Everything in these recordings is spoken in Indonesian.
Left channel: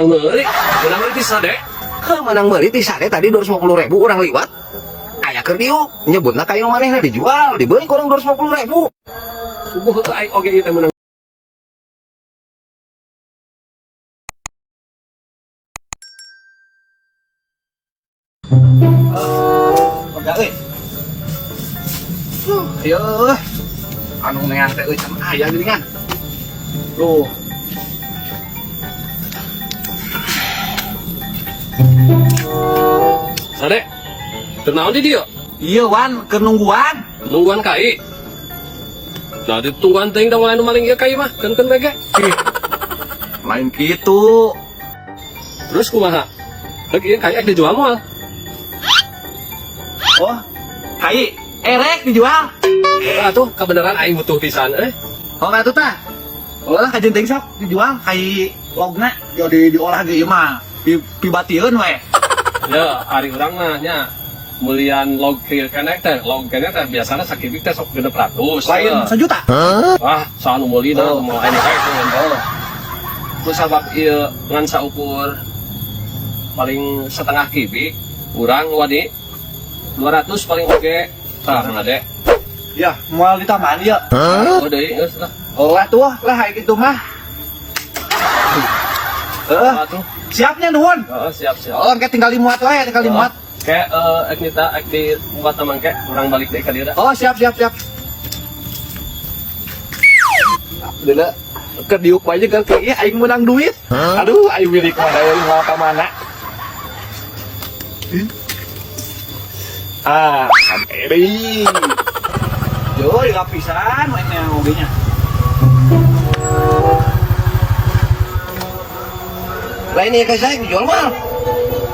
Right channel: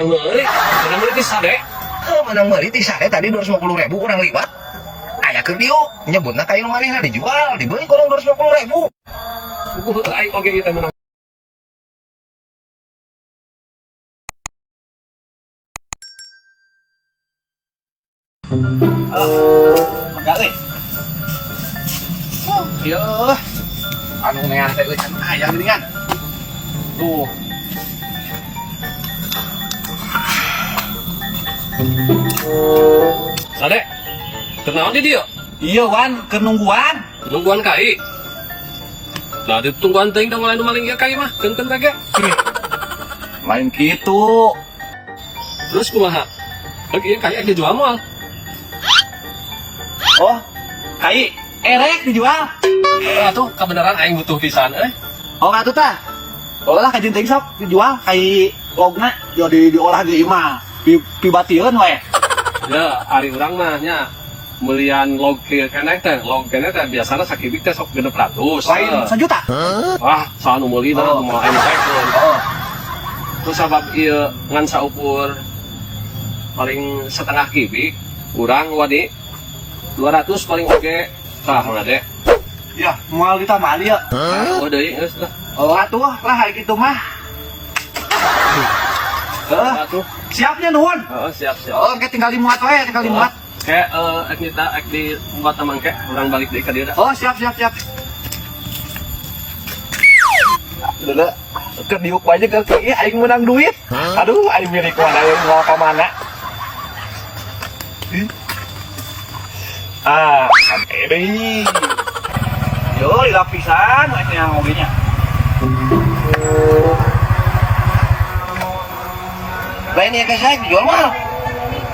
Beli, menang beli ti sade. Menang beli ti sade tadi 250.000 orang liwat. Aya keur dieu nyebutna ka yang manehna dijual, dibeli ku orang 250.000. Aing oge ieu teh menang. Enggak euy. Ieu anu neang teh euy aya gini kan. Tuh. Sade. Kenaon di dieu? Iya Wan, keur nungguan. Nungguan kai. Nah, ditungguan teuing da mulai nu maling ieu kai mah, keun teh. Main gitu. Terus kumaha? Rek ieu kai dijual moal. Oh, kai erek dijual. Atuh kebenaran aing butuh pisan Oh, atuh tah. Oh lah kajenting sok dijual kai logna jadi diolah di imah. Pibatieun we. Ya, hari urang mah nya mulian log kieu keneh teh, log keneh teh biasana sakibik teh sok 600. Lain 1 juta. Wah, soal nu meuli na Oh. moal aing saekeun. Oh, Ku sabab ieu ngan saukur paling setengah kibik, kurang wadi 200 paling oge. Tah mana deh? ya moal ditaman ya. Udah geus lah. Oh, atuh lah kayak gitu mah. Atuh. Siapnya nuhun. Siap. Oh, kayak tinggal dimuat we, tinggal dimuat. Kayak Eknita, Ekni muat namang kek, kurang balik deh ka dieu dah. Oh, siap. Dulu ke diuk aja ke kayaknya aing menang duit. Aduh, aing milik mana aing mau ke mana? Sampai yo di lapisan naiknya yang mobilnya. Lain ieu saya dijual mahal.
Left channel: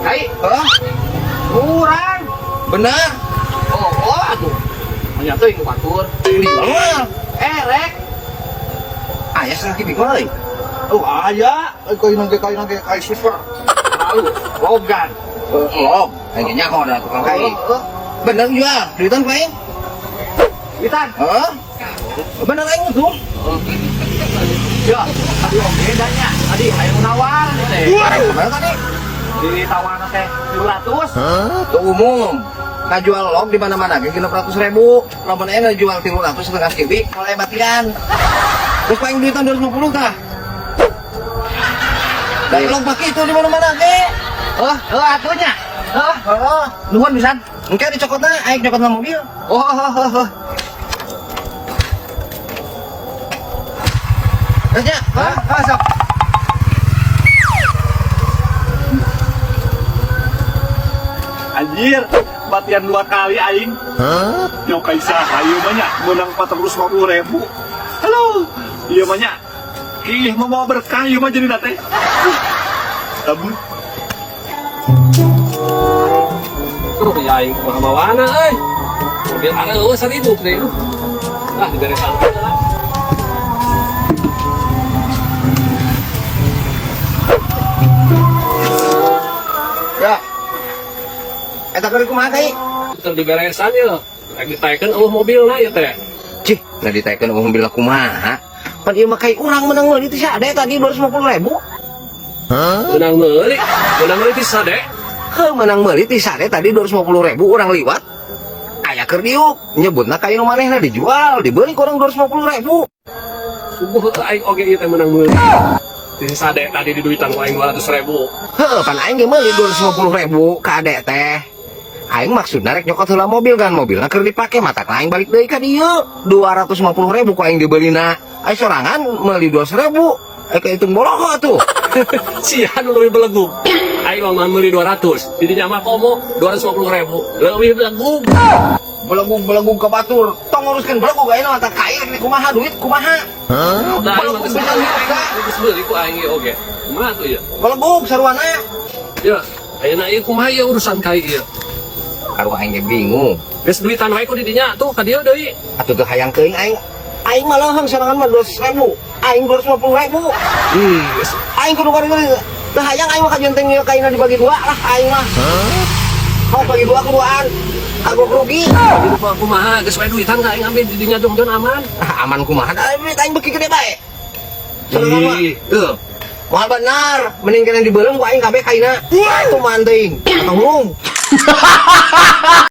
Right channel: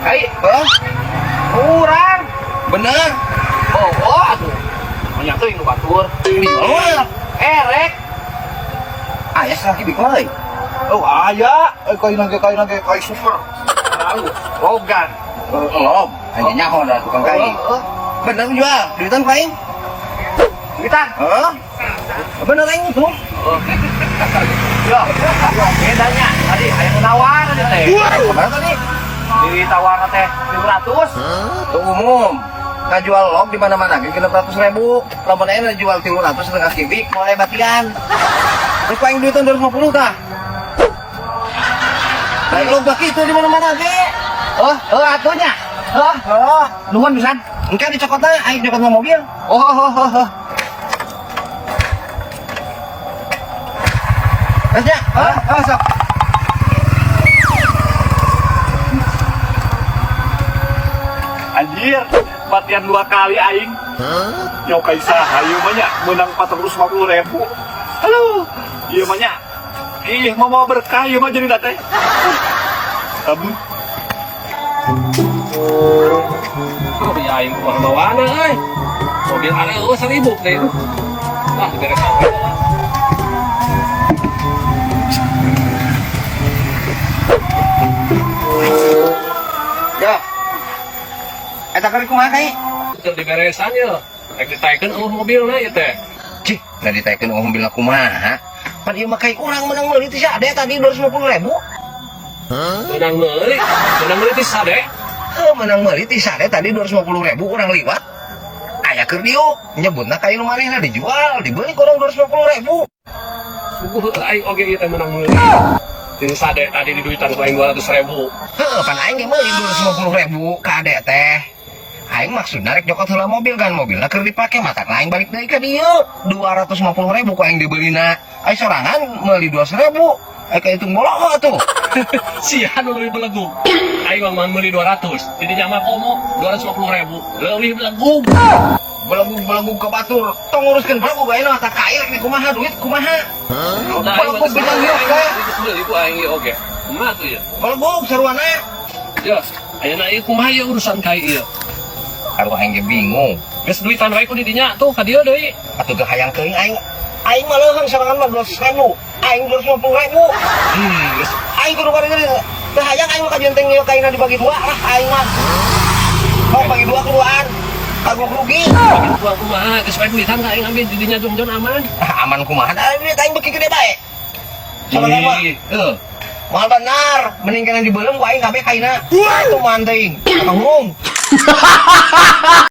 Kai, Hah? kurang. Bener. Oh, atuh. Banyak tuh yang batur. Dijual mahal. Rek. Aya sakit bikoy. Oh, ada. Kayak super. Tahu. Logan. Lob. Akhirnya mau ada tukang kai. Bener jual. Duitan paling. Witan. Hah? Bener aing betul. Yo, bedanya tadi aya nawar aja teh. Kemana tadi? Ditawar teh 700. Itu umum. Nah jual lob di mana-mana ge 600.000. Lamun aya jual 300 setengah kibik mulai matian. Terus paling duitan 250 tah. Baik lob baki itu di mana-mana ge. Atunya. Nuhun pisan. Engke dicokotna aing nyokotna mobil. Oh. Terusnya, Sok. Anjir, batian 2 kali aing. Nyokai saha ieu mah nya meunang 450.000. Aduh, ieu mah nya. Ih, mau berkah ieu mah jadi teh. Ya aing kumaha mawana euy. Mobil ana eueuh 1.000 teh. Nah, diberes sampai lah. ya. Eta keur kumaha kai? Itu diberesan ya. Rek ditaikeun eueuh mobilna ieu teh. Cih, nah ditaikeun mobil kumaha? Pan ieu mah kai urang menang meuli teh ade tadi 250.000. Menang meuli ti sade. Menang meuli ti sade tadi 250.000 orang liwat. Aya keur diuk nyebutna ka ieu manehna dijual, dibeli ku orang 250.000. Aing oge ieu teh menang meuli. Ti sade tadi di duitan ku aing 200.000. Pan aing ge meuli 250.000 ka ade teh. Aing maksudna rek nyokot heula mobil kan, mobilna keur dipake mata aing balik deui ka dieu. 250.000 ku aing dibelina. Ai sorangan meuli 200.000. Kehitung bolong tuh. Sihan lebih belegug. Aing mah meuli 200. Jadi nya mah komo 250.000. Leuwih belegug. Belenggu ke batur. Tong nguruskeun belenggu ayeuna mata kail ini kumaha duit kumaha? Belenggu bener ya. Itu sebeul iku aing oge. Kumaha tuh ya? Belenggu saruana. Ya, ayeuna ieu kumaha ya urusan kai ieu? Karo aing ge bingung. Geus duitan wae ku di dinya tuh ka dieu deui. Atuh teu hayang teuing aing. Aing mah leuheung sorangan mah 200.000. Aing 250.000. Geus Aing kudu ngeri. Teu hayang aing mah kajenteng ieu kaina dibagi dua lah aing mah. Kau bagi dua keluar. Kagok rugi. kumaha geus wae duitan ka aing ambil di dinya jongjon aman. Aman kumaha? Duit aing beki gede bae. Sorangan mah. Wah benar, mending kalian dibeleng ku aing kabeh kaina. Itu manting. Tanggung.